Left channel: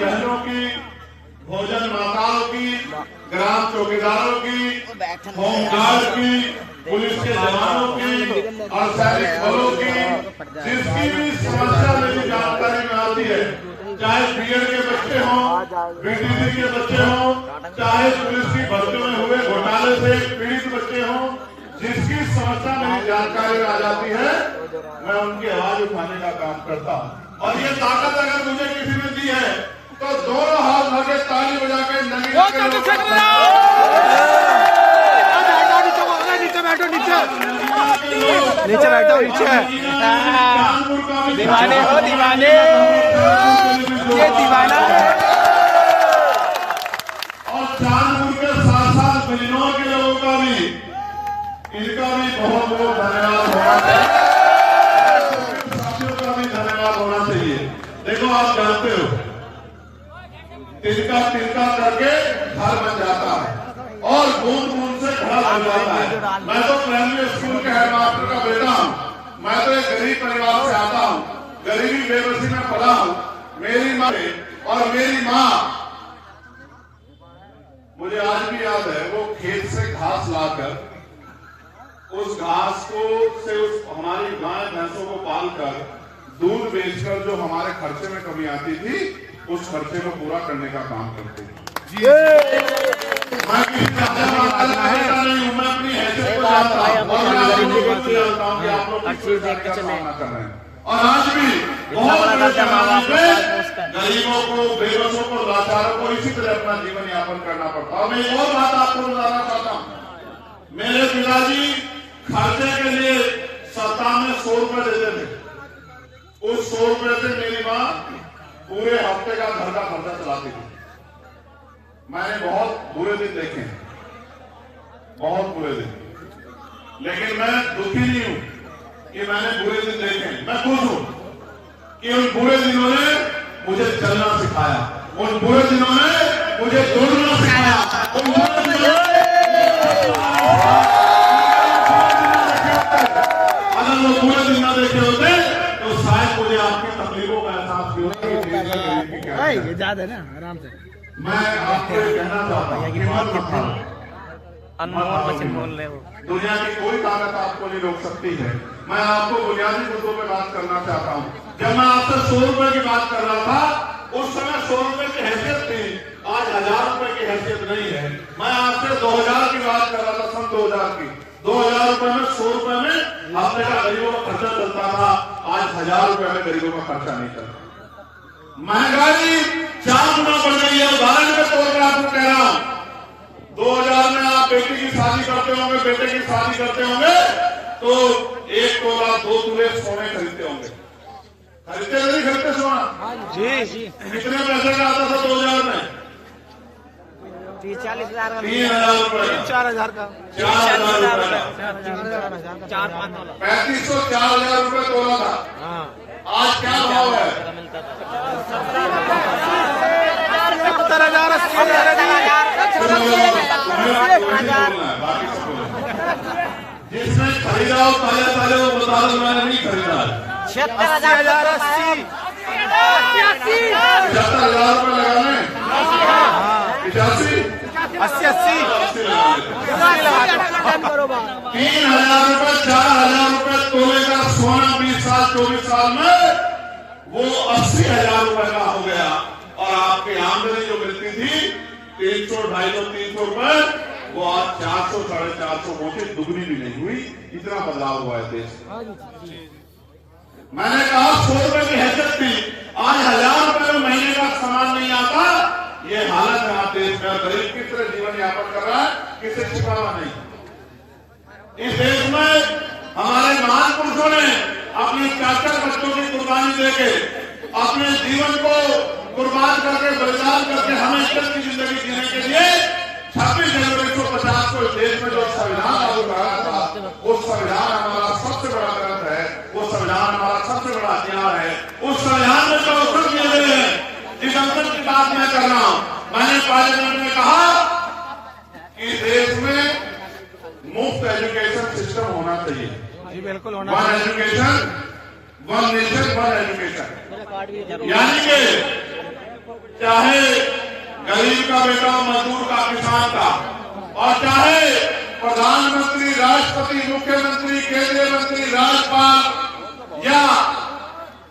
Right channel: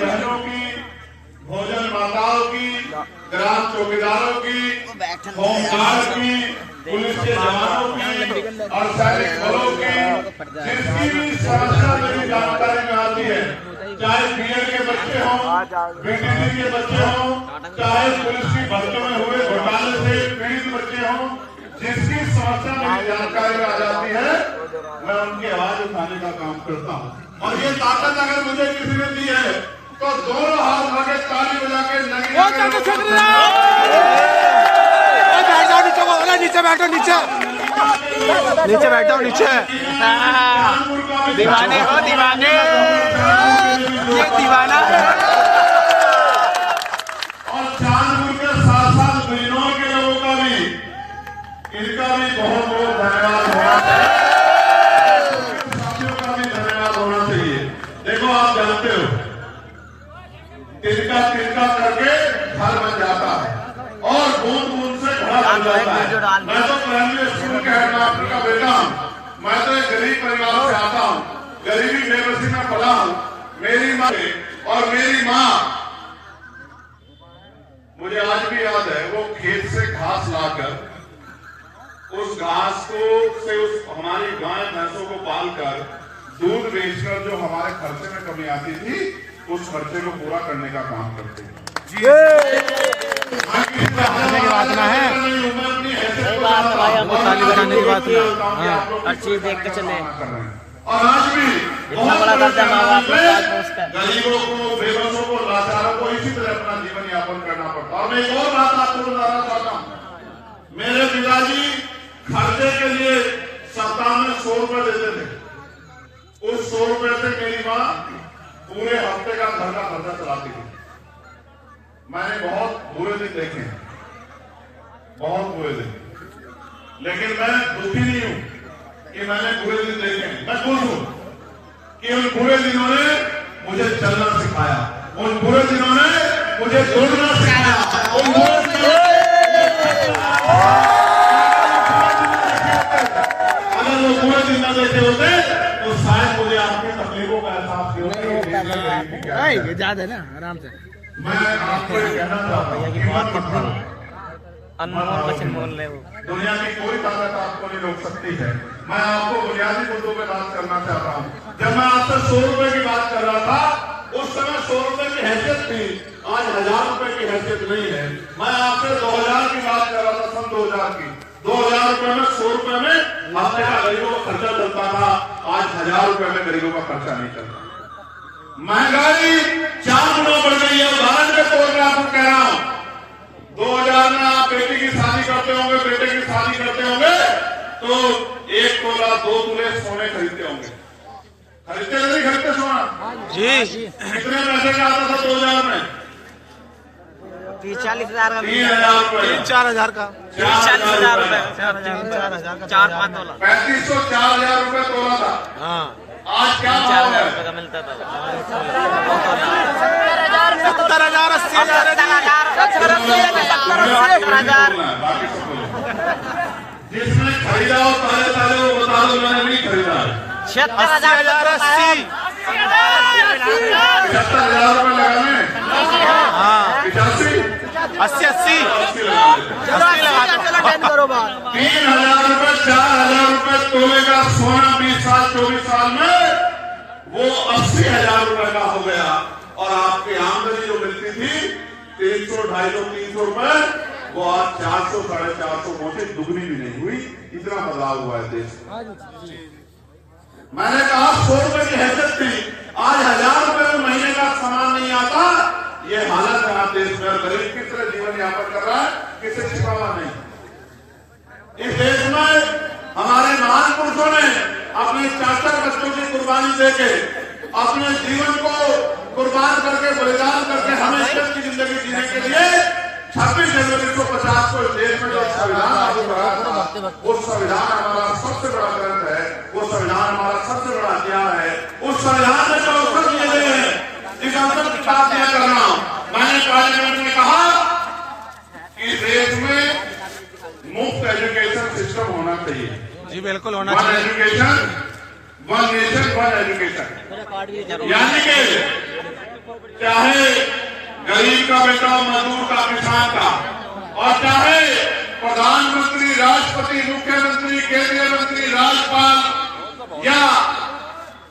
बहनों की, भोजन माताओं की, ग्राम चौकीदारों की, होमगार्ड की, पुलिस के जवानों की और सैनिक बलों की जिसकी भी समस्या मेरी जानकारी में आती है, चाहे बीएड के बच्चे हों, बीटीसी के बच्चे हों, चाहे पुलिस की भर्तियों में हुए घोटाले से पीड़ित बच्चे हों, जिसकी समस्या मेरी जानकारी में आ जाती है, मैं उनकी आवाज उठाने का काम करता हूँ। और ये ताकत अगर मुझे किसी ने दी है तो दोनों हाथ लगे ताली बजा के नीचे बैठो नीचे। दीवाने हो दीवाने, ये दीवाना है। और चांदपुर के साथ बिजनौर के लोगों का भी, इनका भी बहुत बहुत धन्यवाद होना चाहिए, साथियों का भी धन्यवाद होना चाहिए। देखो आप जानते हो तिनका तिनका करके घर बन जाता है और बूंद बूंद से घड़ा बन जाता है। मैं तो प्राइमरी स्कूल के हेडमास्टर का बेटा हूँ, मैं तो एक गरीब परिवार से आता हूँ, गरीबी बेबसी में पला हूँ। मेरी माँ और मेरी माँ, मुझे आज भी याद है, वो खेत से घास लाकर उस घास को से उस हमारी गाय भैंसों को पालकर दूध बेचकर जो हमारे खर्चे में कमी आती थी, उस खर्चे को पूरा करने का काम करते हैं। हर चीज देख के चले। और आज भी इतना बड़ा कर्जा माँ बाप गरीबों को, बेबसों को, लाचारों को इसी तरह अपना जीवन यापन करना पड़ता। और मैं एक और बात आपको बताना चाहता हूँ, मेरे पिताजी खर्चे के लिए सप्ताह में 100 रुपए देते थे। उस 100 रुपए से मेरी माँ पूरे हफ्ते का घर का खर्चा चलाती थी। मैंने बहुत बुरे दिन देखे हैं, बहुत बुरे दिन, लेकिन मैं दुखी नहीं हूं कि मैंने बुरे दिन देखे। मैं खुश हूं कि उन बुरे दिनों ने मुझे चलना सिखाया, उन बुरे दिनों ने मुझे दौड़ना सिखाया, उन बुरे दिनों अगर वो बुरे दिन न देखे होते तो शायद मुझे आपकी तकलीफों का एहसास ये याद है ना, आराम से। मैं आपको ये कहना चाहता हूं, भैया की बात कितनी अनमोल वचन बोल रहे हो। दुनिया की कोई ताकत आपको नहीं रोक सकती है। मैं आपको बुनियादी मुद्दों पे बात करना चाहता हूँ। जब मैं आपसे 100 रुपए की बात कर रहा था, उस समय 100 रुपए की हैसियत थी, आज 1000 रुपए की हैसियत नहीं है। मैं आपसे 2000 की बात कर रहा था, सन 2000 की। 2000 रुपए में 100 रुपए में हफ्ते का गरीबों का खर्चा चलता था, आज 1000 रुपए में गरीबों का खर्चा नहीं चलता। महंगाई 4 गुना बढ़ गई है। उदाहरण के तौर पर आपको कह रहा हूं, 2000 में आप बेटी की शादी करते होंगे, बेटे की शादी करते होंगे तो 1 तोला 2 तोले सोने खरीदते होंगे। खरीदते नहीं खरीदते सोना? जी। कितने पैसे का आता था 2000 में? 30-40,000 का। 3000 रुपए, 4000 का, 4000 रुपए, 4-5 तोला, 3500 4000 रुपए तोला था। आज क्या भाव है? मिलता था। जिसने खरीदा हो पहले पहले वो बता दो, मैंने नहीं खरीदा। 76,000 75,000 रुपए लगाने, 85, 80 3,000 रुपए, 4,000 रुपए तोले का सोना 20 साल 24 साल में वो 80,000 रुपए का हो गया। और आपकी आमदनी जो मिलती थी 300, 250, 300 रुपए, वो आज 400, 450 पहुंचे, दुगनी भी नहीं हुई। इतना बदलाव हुआ है देश में। मैंने कहा 100 रुपए की हैसियत थी, आज 1000 रुपए में महीने का सामान नहीं आता। ये हालत है आप देश में। गरीब किस तरह जीवन यापन कर रहा है, किसे छिपावा नहीं। इस देश में हमारे महान पुरुषों ने अपने 4 बच्चों की कुर्बानी देके, अपने जीवन को कुर्बान करके, बलिदान करके हमें इस की जिंदगी जीने के लिए 26 जनवरी 1950 को इस देश में जो संविधान लागू कराया था, वो संविधान हमारा सबसे बड़ा ग्रंथ है, वो संविधान हमारा सबसे बड़ा हथियार है। उस संविधान में जो अवसर दिए गए हैं, इस अवसर की बात मैं कर रहा हूं। मैंने पार्लियामेंट में कहा कि देश में मुफ्त एजुकेशन सिस्टम होना चाहिए। जी बिल्कुल होना चाहिए। 1 एजुकेशन 1 नेशन 1 एजुकेशन, यानी कि चाहे गरीब का बेटा, मजदूर का, किसान का, और चाहे प्रधानमंत्री, राष्ट्रपति, मुख्यमंत्री, केंद्रीय मंत्री, राज्यपाल या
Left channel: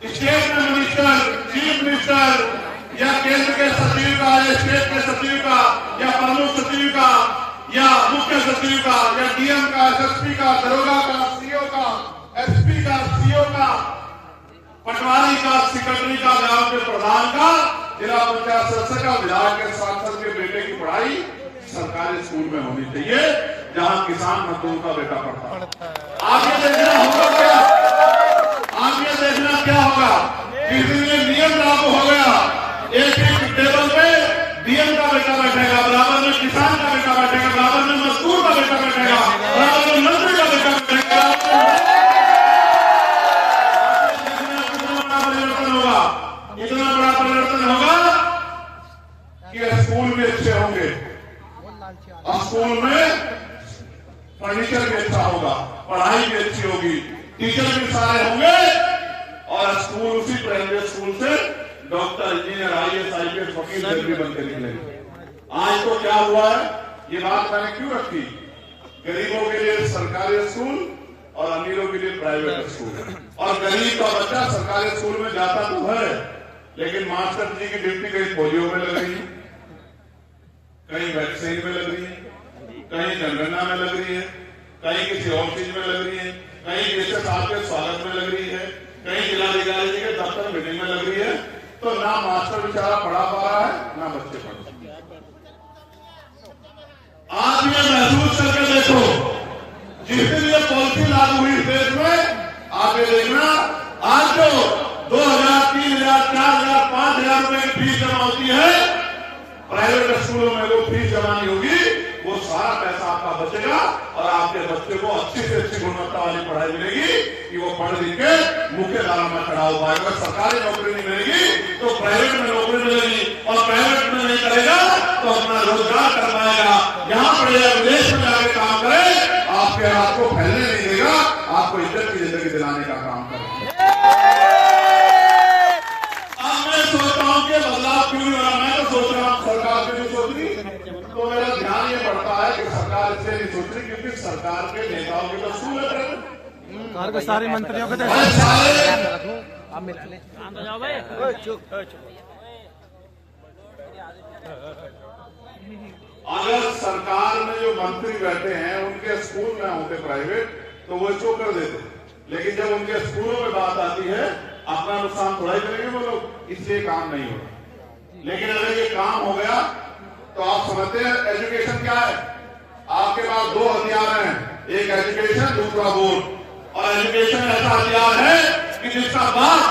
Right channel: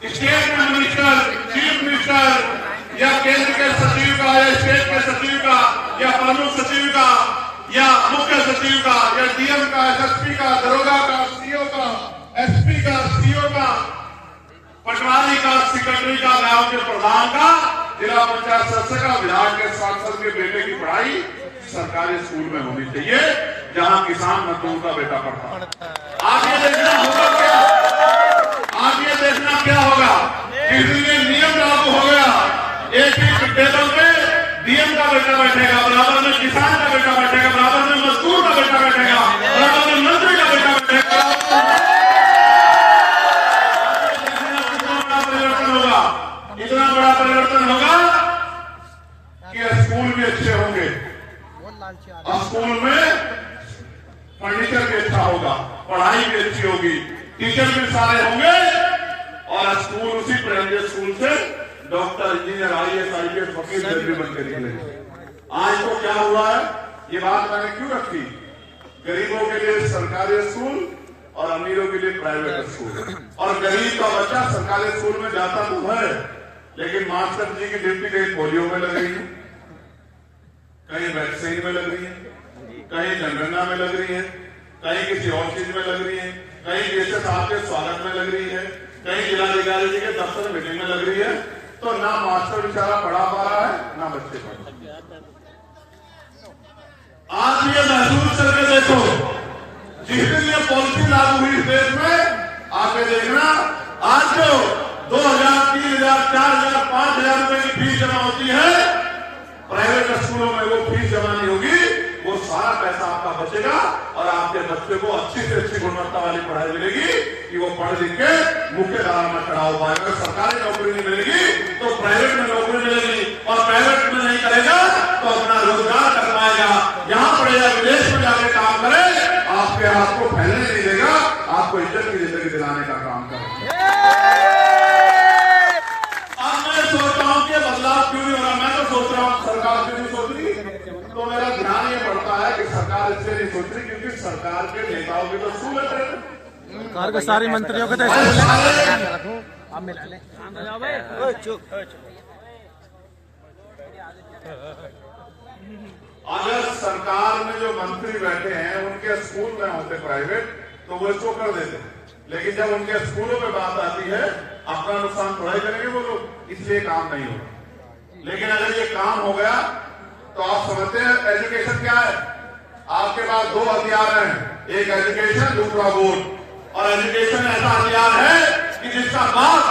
स्टेट मिनिस्टर, चीफ मिनिस्टर या केंद्र के सचिव का या स्टेट के सचिव का या प्रमुख सचिव का या मुख्य सचिव का या डीएम का, एसएसपी का, दरोगा का, सीओ का, एसपी का, सीओ का, पटवारी का, सेक्रेटरी का, गांव के प्रधान का, जिला पंचायत सदस्य का, विधायक के, सांसद के बेटे की पढ़ाई सरकारी स्कूल में होनी चाहिए, जहां किसान मजदूर का बेटा पढ़ता है। आगे देखना होगा क्या? आगे देखना क्या होगा? जिस दिन ये नियम लागू हो गया, एक ही टेबल पे डीएम का बेटा बैठेगा, बराबर में किसान का बेटा बैठेगा, बराबर में मजदूर का बेटा बैठेगा, बराबर में मंत्री का बेटा बैठेगा। इतना बड़ा परिवर्तन होगा कि स्कूल भी अच्छे होंगे, स्कूल में फर्नीचर भी अच्छा होगा, पढ़ाई भी अच्छी होगी, टीचर भी सारे होंगे, और स्कूल उसी प्राइमरी स्कूल से डॉक्टर, इंजीनियर, आईएएस, आईपीएस, वकील भी बन के निकलेंगे। आज तो क्या हुआ है, ये बात मैंने क्यों रखी? गरीबों के लिए सरकारी स्कूल और अमीरों के लिए प्राइवेट स्कूल, और गरीब का बच्चा सरकारी स्कूल में जाता तो है, लेकिन मास्टर जी की ड्यूटी कहीं पोलियो में लग रही है, कहीं वैक्सीन में लग रही है, कहीं जनगणना में लग रही है, कहीं किसी और चीज में लग रही है, कहीं जैसे साहब के स्वागत में लग रही है, कहीं जिलाधिकारी जी के दफ्तर मीटिंग में लग रही है। तो ना मास्टर बेचारा पढ़ा पा रहा है, ना बच्चे पढ़। आप ये महसूस करके देखो, जिस दिन ये पॉलिसी लागू हुई देश में, आगे देखना, आज जो 2,000, 3,000, 4,000, 5,000 रुपए की फीस जमा होती है प्राइवेट स्कूलों में, वो फीस जमा नहीं होगी, वो सारा पैसा आपका बचेगा और आपके बच्चे को अच्छी से अच्छी गुणवत्ता वाली पढ़ाई मिलेगी कि वो पढ़ लिख के मुख्य धारा में खड़ा हो पाएगा। सरकारी नौकरी नहीं मिलेगी तो प्राइवेट में नौकरी मिलेगी, और प्राइवेट में नहीं करेगा तो अपना रोजगार कर पाएगा, यहाँ पढ़ेगा, विदेश में जाके काम करे, आपके हाथ को फैलने नहीं देगा, आपको इज्जत की जिंदगी दिलाने का काम करेगा। अब मैं सोचता हूँ कि बदलाव क्यों नहीं हो रहा? मैं तो सोच रहा हूँ सरकार क्यों नहीं सोच रही, तो मेरा ध्यान ये पड़ता है कि सरकार इसलिए नहीं सोच रही क्योंकि सरकार के नेताओं की तो स्कूल है, सारे मंत्रियों के अगर सरकार में जो मंत्री बैठे हैं उनके स्कूल में होते प्राइवेट तो वो इसको कर देते, लेकिन जब उनके स्कूलों में बात आती है अपना नुकसान थोड़ा ही करेंगे वो लोग, इसलिए काम नहीं होगा। लेकिन अगर ये काम हो गया तो आप समझते हैं एजुकेशन क्या है? आपके पास दो हथियार हैं, एक एजुकेशन, दूसरा वोट। और एजुकेशन ऐसा हथियार है कि जिसका बाप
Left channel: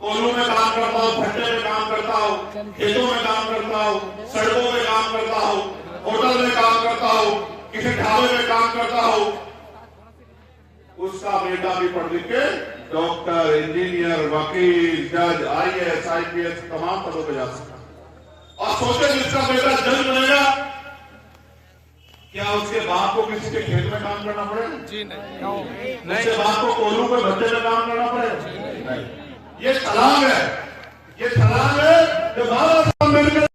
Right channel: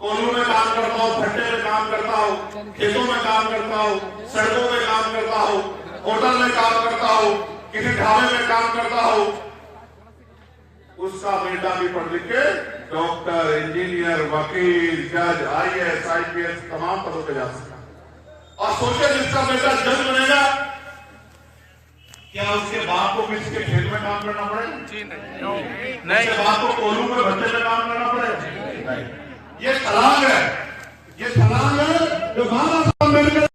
कोल्हू में काम करता हो, भट्टे में काम करता हो, खेतों में काम करता हो, सड़कों में काम करता हो, होटल में काम करता हो, किसी ढाबे में काम करता हो, उसका बेटा भी पढ़ लिख के डॉक्टर, इंजीनियर, वकील, जज, आईएएस, आईपीएस तमाम पदों पर जा सकता है। और सोचे जिसका बेटा जज बनेगा, क्या उसके बाप को किसी के खेत में काम करना पड़ेगा? नहीं। उसके बाप को कोल्हू में भट्टे में काम करना पड़ेगा? नहीं। ये छलांग है, ये छलांग है जो भारत